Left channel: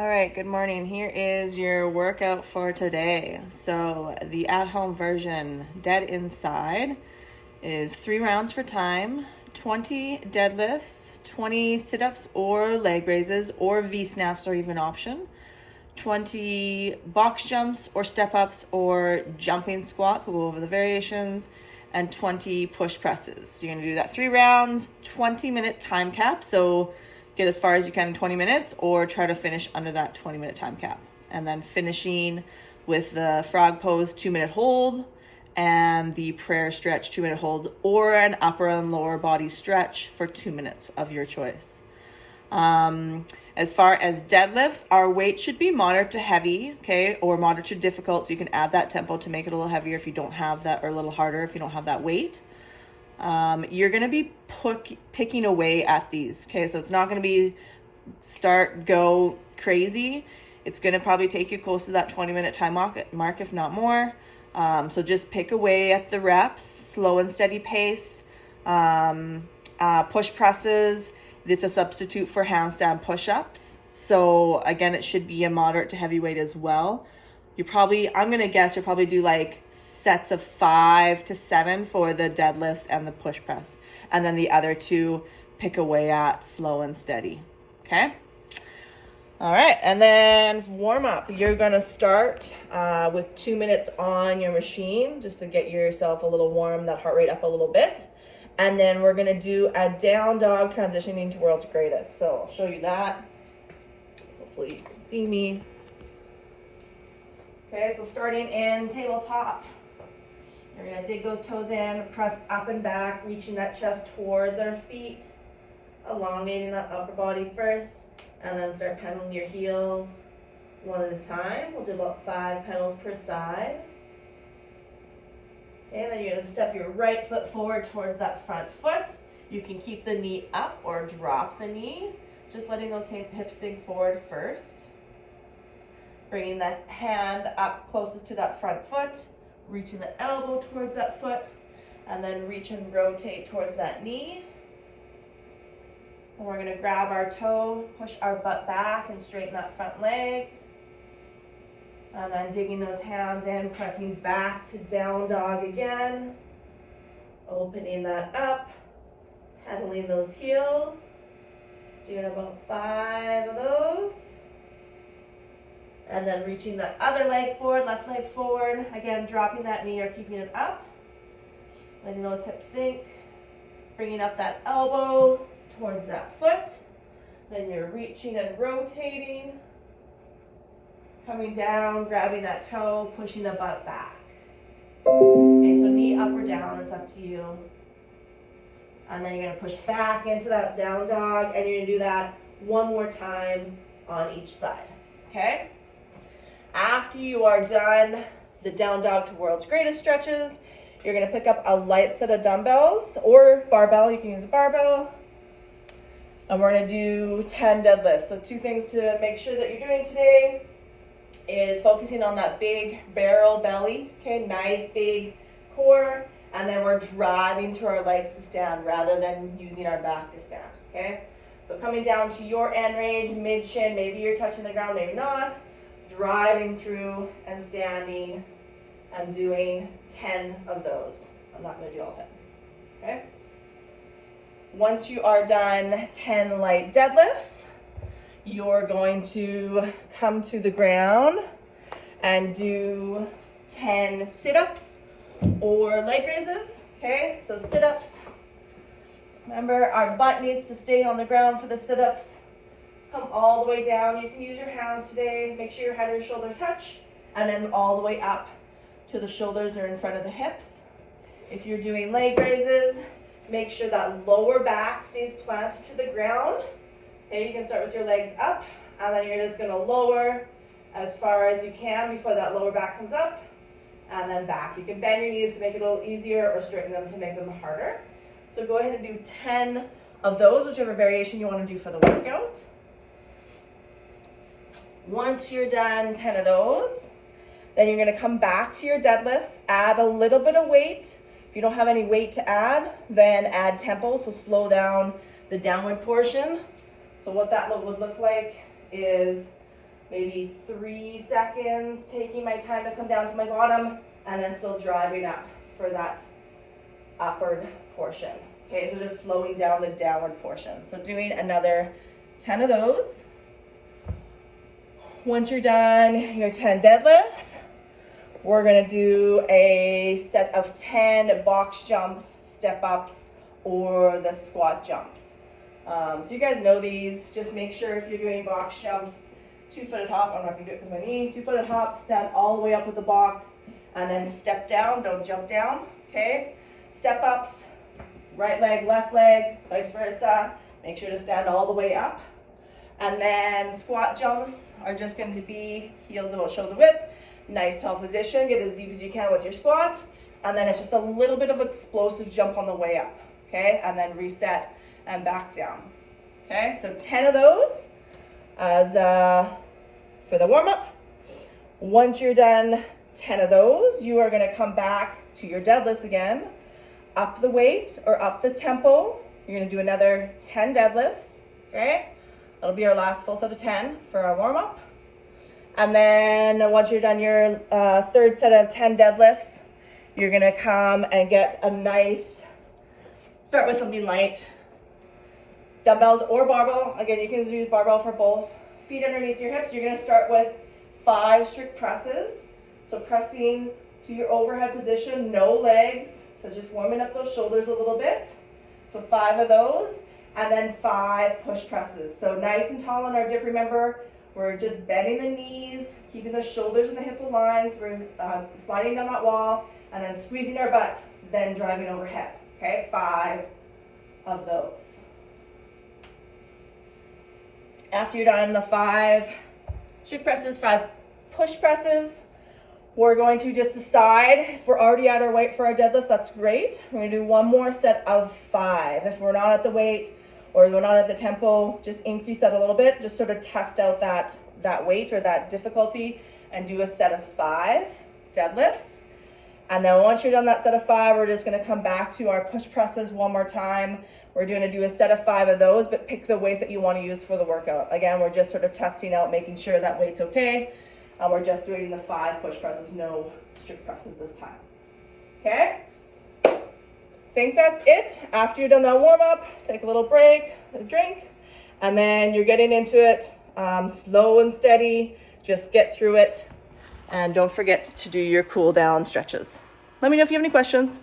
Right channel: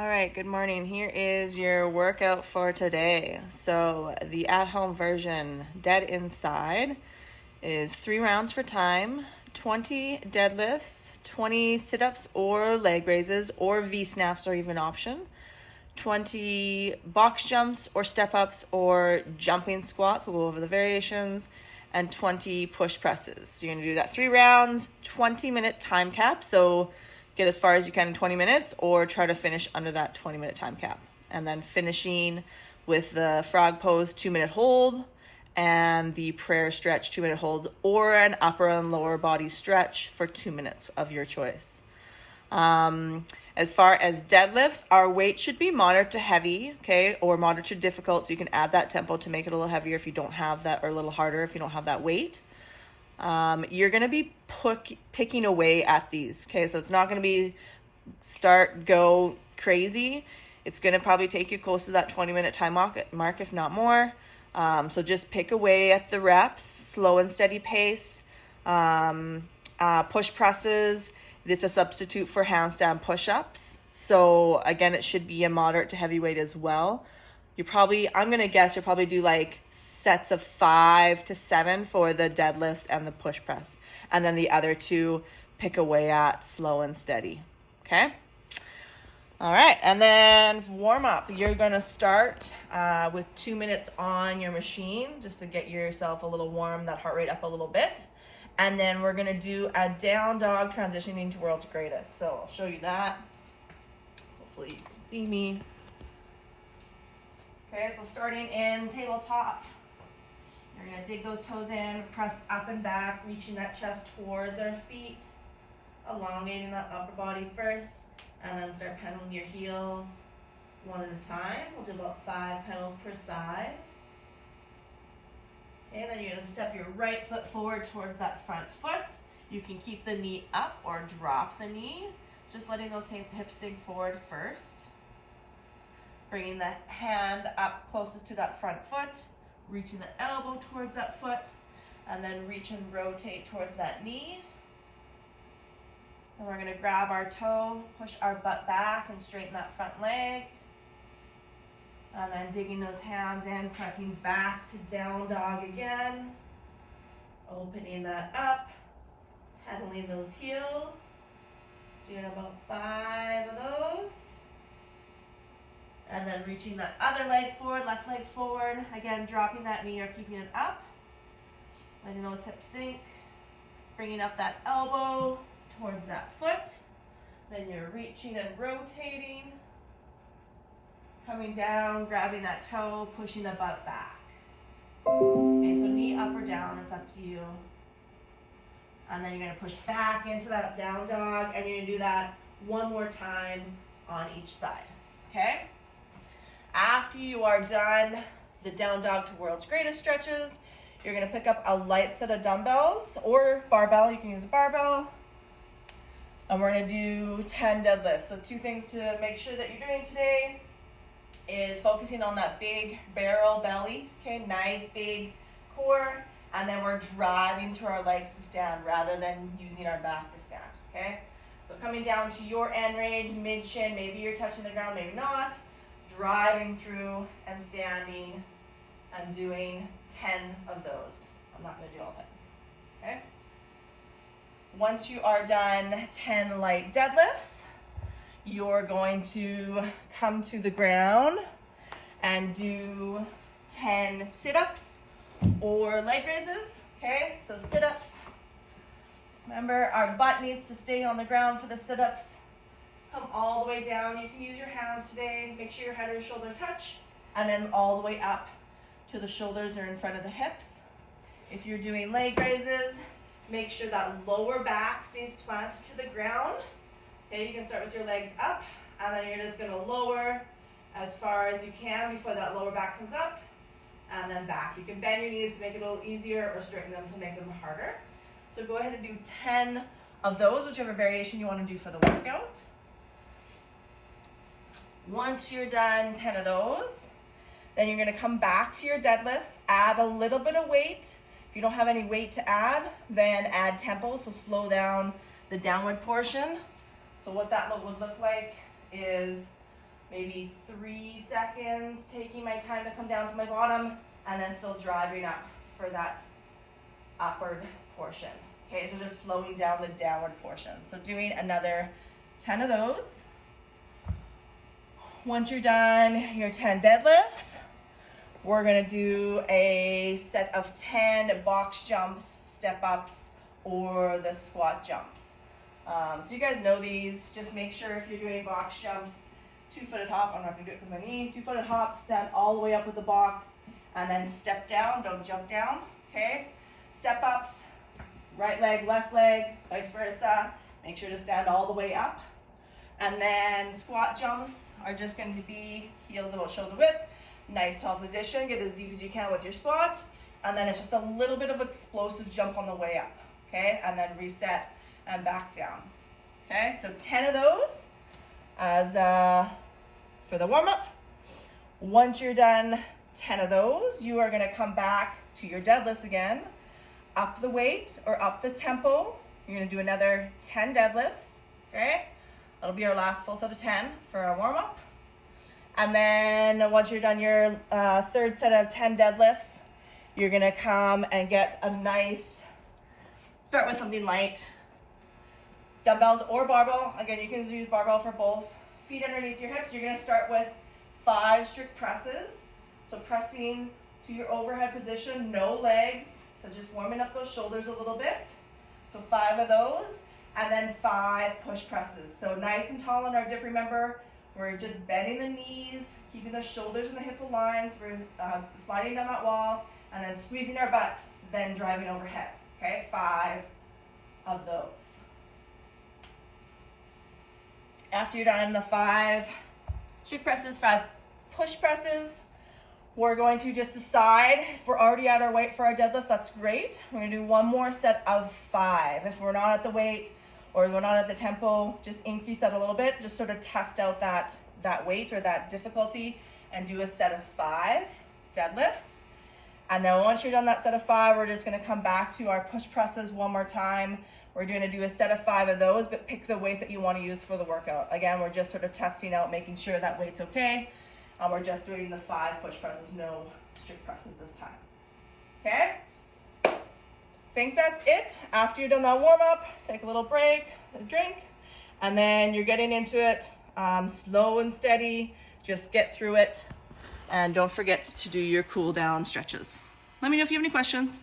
All right, good morning. Here is your workout for today. So the at-home version, dead inside, is 3 rounds for time, 20 deadlifts, 20 sit-ups or leg raises or V-snaps are even an option, 20 box jumps or step-ups or jumping squats. We'll go over the variations, and 20 push presses. So you're gonna do that 3 rounds, 20-minute time cap. So get as far as you can in 20 minutes or try to finish under that 20-minute time cap. And then finishing with the frog pose 2-minute hold and the prayer stretch 2-minute hold, or an upper and lower body stretch for 2 minutes of your choice. As far as deadlifts, our weight should be moderate to heavy, okay, or moderate to difficult. So you can add that tempo to make it a little heavier if you don't have that, or a little harder if you don't have that weight. You're going to be picking away at these, okay? So it's not going to be start, go crazy. It's going to probably take you close to that 20-minute time mark, if not more. So just pick away at the reps, slow and steady pace. Push presses, it's a substitute for handstand push-ups. So again, it should be a moderate to heavy weight as well. I'm going to guess you'll probably do like sets of 5 to 7 for the deadlifts and the push press. And then the other 2 pick away at slow and steady. Okay. All right. And then warm up. You're going to start with 2 minutes on your machine just to get yourself a little warm, that heart rate up a little bit. And then we're going to do a down dog transitioning to world's greatest. So I'll show you that. Hopefully you can see me. Okay, so starting in tabletop, you're gonna dig those toes in, press up and back, reaching that chest towards our feet, elongating that upper body first, and then start pedaling your heels one at a time. We'll do about 5 pedals per side. Okay, then you're gonna step your right foot forward towards that front foot. You can keep the knee up or drop the knee, just letting those hips sink forward first. Bringing the hand up closest to that front foot, reaching the elbow towards that foot, and then reach and rotate towards that knee. Then we're gonna grab our toe, push our butt back and straighten that front leg. And then digging those hands in, pressing back to down dog again. Opening that up, pedaling those heels. Doing about 5 of those. And then reaching that other leg forward, left leg forward. Again, dropping that knee or keeping it up. Letting those hips sink. Bringing up that elbow towards that foot. Then you're reaching and rotating. Coming down, grabbing that toe, pushing the butt back. Okay, so knee up or down, it's up to you. And then you're gonna push back into that down dog, and you're gonna do that one more time on each side, okay? After you are done the down dog to world's greatest stretches, you're gonna pick up a light set of dumbbells or barbell. You can use a barbell. And we're gonna do 10 deadlifts. So 2 things to make sure that you're doing today is focusing on that big barrel belly, okay, nice big core. And then we're driving through our legs to stand rather than using our back to stand, okay? So coming down to your end range, mid shin, maybe you're touching the ground, maybe not. Driving through and standing and doing 10 of those. I'm not gonna do all 10, okay? Once you are done 10 light deadlifts, you're going to come to the ground and do 10 sit-ups or leg raises, okay? So sit-ups. Remember, our butt needs to stay on the ground for the sit-ups. Come all the way down. You can use your hands today. Make sure your head or shoulder touch, and then all the way up to the shoulders are in front of the hips. If you're doing leg raises, make sure that lower back stays planted to the ground. Okay, you can start with your legs up, and then you're just gonna lower as far as you can before that lower back comes up, and then back. You can bend your knees to make it a little easier or straighten them to make them harder. So go ahead and do 10 of those, whichever variation you wanna do for the workout. Once you're done 10 of those, then you're gonna come back to your deadlifts, add a little bit of weight. If you don't have any weight to add, then add tempo, so slow down the downward portion. So what that would look like is maybe 3 seconds, taking my time to come down to my bottom, and then still driving up for that upward portion. Okay, so just slowing down the downward portion. So doing another 10 of those. Once you're done your 10 deadlifts, we're gonna do a set of 10 box jumps, step ups, or the squat jumps. So you guys know these. Just make sure if you're doing box jumps, 2-footed hop, I'm not gonna do it because my knee, 2-footed hop, stand all the way up with the box, and then step down, don't jump down, okay? Step ups, right leg, left leg, vice versa. Make sure to stand all the way up. And then squat jumps are just going to be heels about shoulder width, nice tall position, get as deep as you can with your squat. And then it's just a little bit of explosive jump on the way up, okay? And then reset and back down, okay? So 10 of those as for the warm up. Once you're done 10 of those, you are gonna come back to your deadlifts again, up the weight or up the tempo. You're gonna do another 10 deadlifts, okay? That'll be our last full set of 10 for our warm up. And then once you're done your third set of 10 deadlifts, you're gonna come and get a nice, start with something light, dumbbells or barbell. Again, you can use barbell for both. Feet underneath your hips. You're gonna start with 5 strict presses. So pressing to your overhead position, no legs. So just warming up those shoulders a little bit. So 5 of those, and then 5 push presses. So nice and tall on our dip. Remember, we're just bending the knees, keeping the shoulders and the hip lines. We're sliding down that wall, and then squeezing our butt, then driving overhead. Okay, 5 of those. After you're done the 5 strict presses, 5 push presses, we're going to just decide if we're already at our weight for our deadlift. That's great. We're gonna do one more set of 5. If we're not at the weight or we're not at the tempo, just increase that a little bit. Just sort of test out that weight or that difficulty and do a set of 5 deadlifts. And then once you're done that set of 5, we're just gonna come back to our push presses one more time. We're gonna do a set of 5 of those, but pick the weight that you wanna use for the workout. Again, we're just sort of testing out, making sure that weight's okay. And we're just doing the 5 push presses, no strict presses this time. Okay? Think that's it. After you're done that warm up, take a little break, a drink, and then you're getting into it slow and steady. Just get through it. And don't forget to do your cool down stretches. Let me know if you have any questions.